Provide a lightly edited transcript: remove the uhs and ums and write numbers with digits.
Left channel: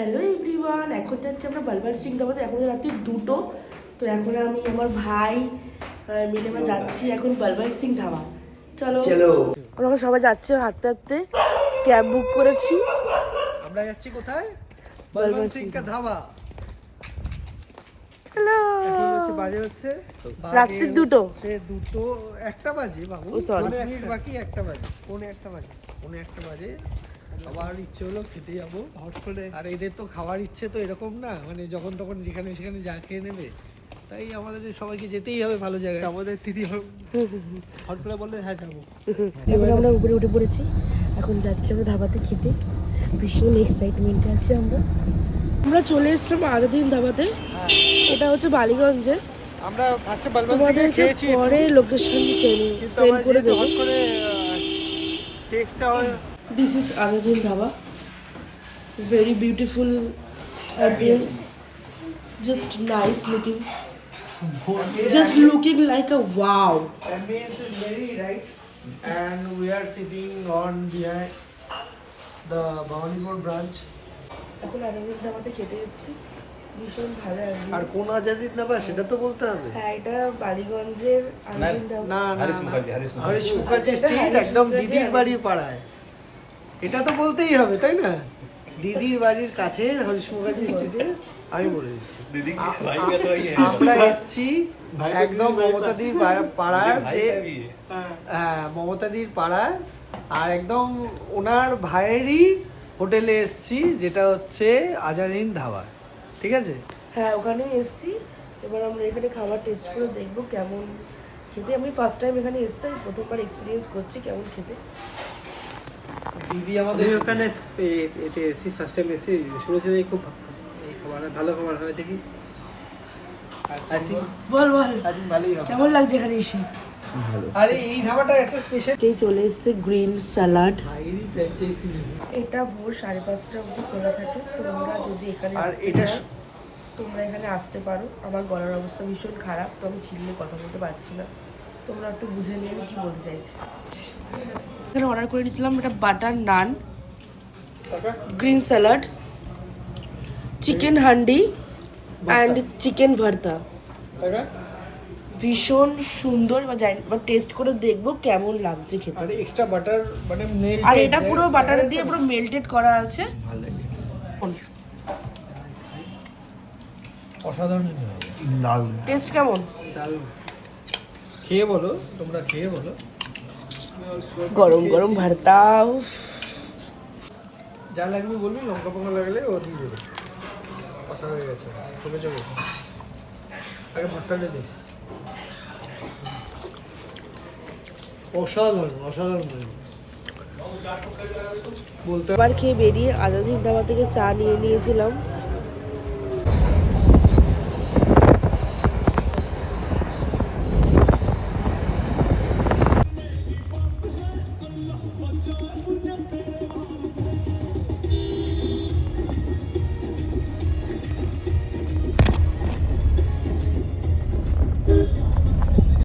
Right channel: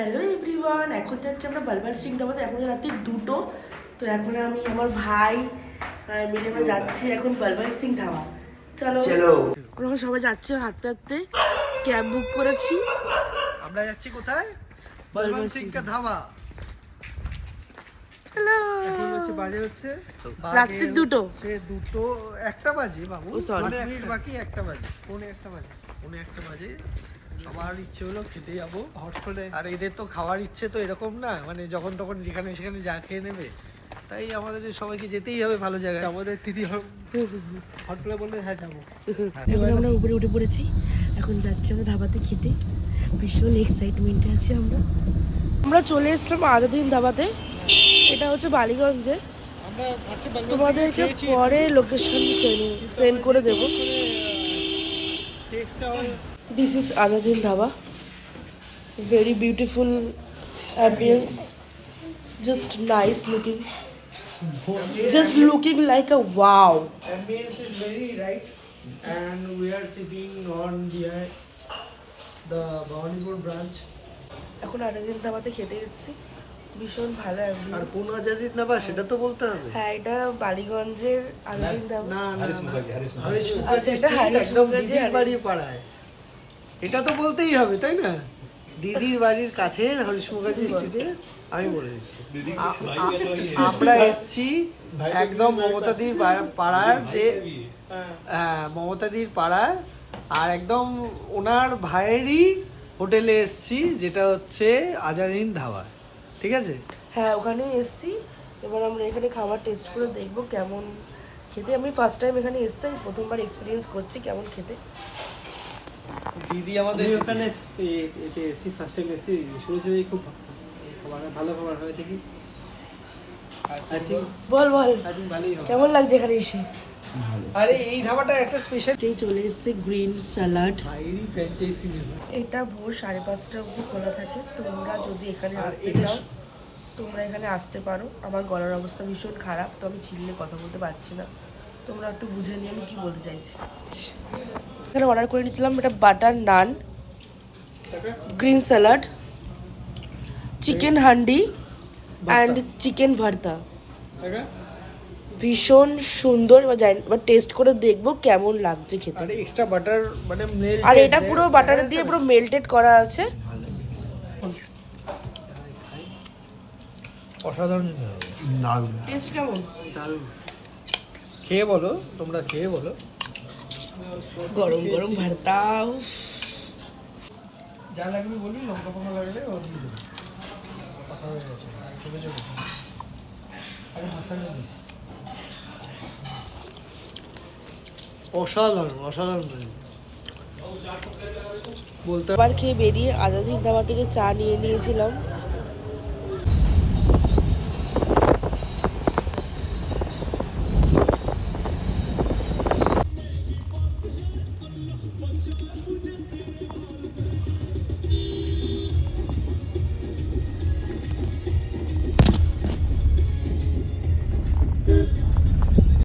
Hello everyone, এখন যাচ্ছি আমরা বালবার সিং ধাবাতে। এখন রাত্রি 2টো। তো এখন আমি আমার ভাই মিলে আমরা যাচ্ছি এখন বালবার সিং ধাবা। চলো চলো, ওরা সবাই যাচ্ছে হাঁটতে হাঁটতে। ক্যাব বুক করেছি, আমরা যাচ্ছি কোথায়? বলবন্ত সিং কা ধাবা। চলো। এখন হচ্ছে বাজে হচ্ছে রাত্রি 2টো। সে 2টো 1টা বাজে বাবু, মানে মিনিট বাকি 1টা বাজে, পৌনে 1টা বাজে, পৌনে 1টা বাজে। সবার ইচ্ছে হলো খেতে যাবো হট করে। আর এদের তো খাওয়ার ইচ্ছে তো এরকম না, মানে যখন তখন যেখানে সেখানে যা খেয়ে নেবে। তাই আমাদের সবাইকে যেতেই হবে ভালো জায়গায়। আমাদের তিথি হট করে বললে হ্যাঁ যাবো। এখন আমরা উপরে উঠে পড়েছি, এখন যাচ্ছি আমরা ধাবাতে খেতে। ভীষণ এক্সাইটমেন্টে আছি আমরা। আমরা চলে এসেছিলাম আজাদিন ধাবাতে। এটা হচ্ছে বালিগঞ্জে। আমরা ফার্স্টে তোমাদেরকে পরে লোকেশন সেন্ড করে দেবো। This is Azadin Dhaba. Very beautiful ambience. Just nice looking. Just looking like a wow. Ambience is very right, and we are sitting on behind the Bhawanipur branch. এখন আজাদিন ধাবাতে খেতে এসেছি, ভীষণ ভালো ambience। আর কোন আজাদিন ধাবা সেটা তো বলতে হবে। হ্যাঁ, এটা বালিগঞ্জের আজাদিন ধাবা। না না হরিশ মুখার্জি স্ট্রিট, একদম দিদির বাড়ির পাড়ায়। এটা তো বলতেই হবে তাই না? দিদির বাড়ির কাছে হরিশ মুখার্জি স্ট্রিটে। আমি বলে দিচ্ছি আমরা এসছি একদম মমতাদির পাড়ার, যে হ্যাঁ মমতাদির পাড়ার, আর একদম ওনার ভাইয়েরই হোটেলে এসছি, যেটা হচ্ছে আজাদিন ধাবা। ঠিক আছে, হ্যাঁ ওখানেই এসছি। এবার আমরা এখানে খাবার টেস্ট করে দেখবো কেমন খেতে। আমি ফার্স্ট টাইম এখানে এসছি, আমি প্রথমবার এক্সপিরিয়েন্স করছি কেমন খেতে। দিদি আমাদের ওখানে এতে এসি, ফার্স্ট টাইম এসি, শুনেছি খুব এই খাবার ভালো খাবার হয় দেখি। আই থিঙ্ক বল ভালোই হবে। কেমন লাগছে এখানে এসে? ভালো। আরে এই ধাবাটা একটা স্পেশাল। চলে এসছে গ্রিন স্যালাড। ভাইরি ফ্র্যাঞ্চাইজি নেবে। এটা ভোর 5:30 অবধি খোলা থাকে। তোমরা যদি এখানে আসতে চাও তোমরা এখানে আসতে পারো। আমার গলার অবস্থা ভীষণ খারাপ, তো আমি চিল্লে কথা বলতে পারছি না। তোমরা একটু বুঝে নিয়ে আমি কি বলতে চাইছি। এখানে অর্ডার করে দিয়েছিলাম এটা butter naan, green salad, chicken handi and chicken bharta. ভীষণ সুন্দর। টেস্ট করে দেখবো কেমন লাগছে খেতে। আর এক্সট্রা বাটার মানে মেল্টেড, আর এটা পুরো বাটার দিয়ে পুরো মেল্টেড করা আছে। ভালো লাগে। অসাধারণ দারুণ। টেস্ট কেমন? দারুণ। খেয়ে বলো, তোমরা খেয়ে বলো। গরম গরম ভর্তা। যা লাগবে বলবি, লঙ্কা ফঙ্কা লাগলে ও দিয়ে দেবে। কথা হয়ে গেছে, চোখে চোখে। আগে ভর্তাটা দিই। অসাধারণ অসাধারণ বলতে। এবার খেয়ে বেরিয়ে আজাদিন ধাবা থেকে চা নিয়ে নিয়েছিলাম।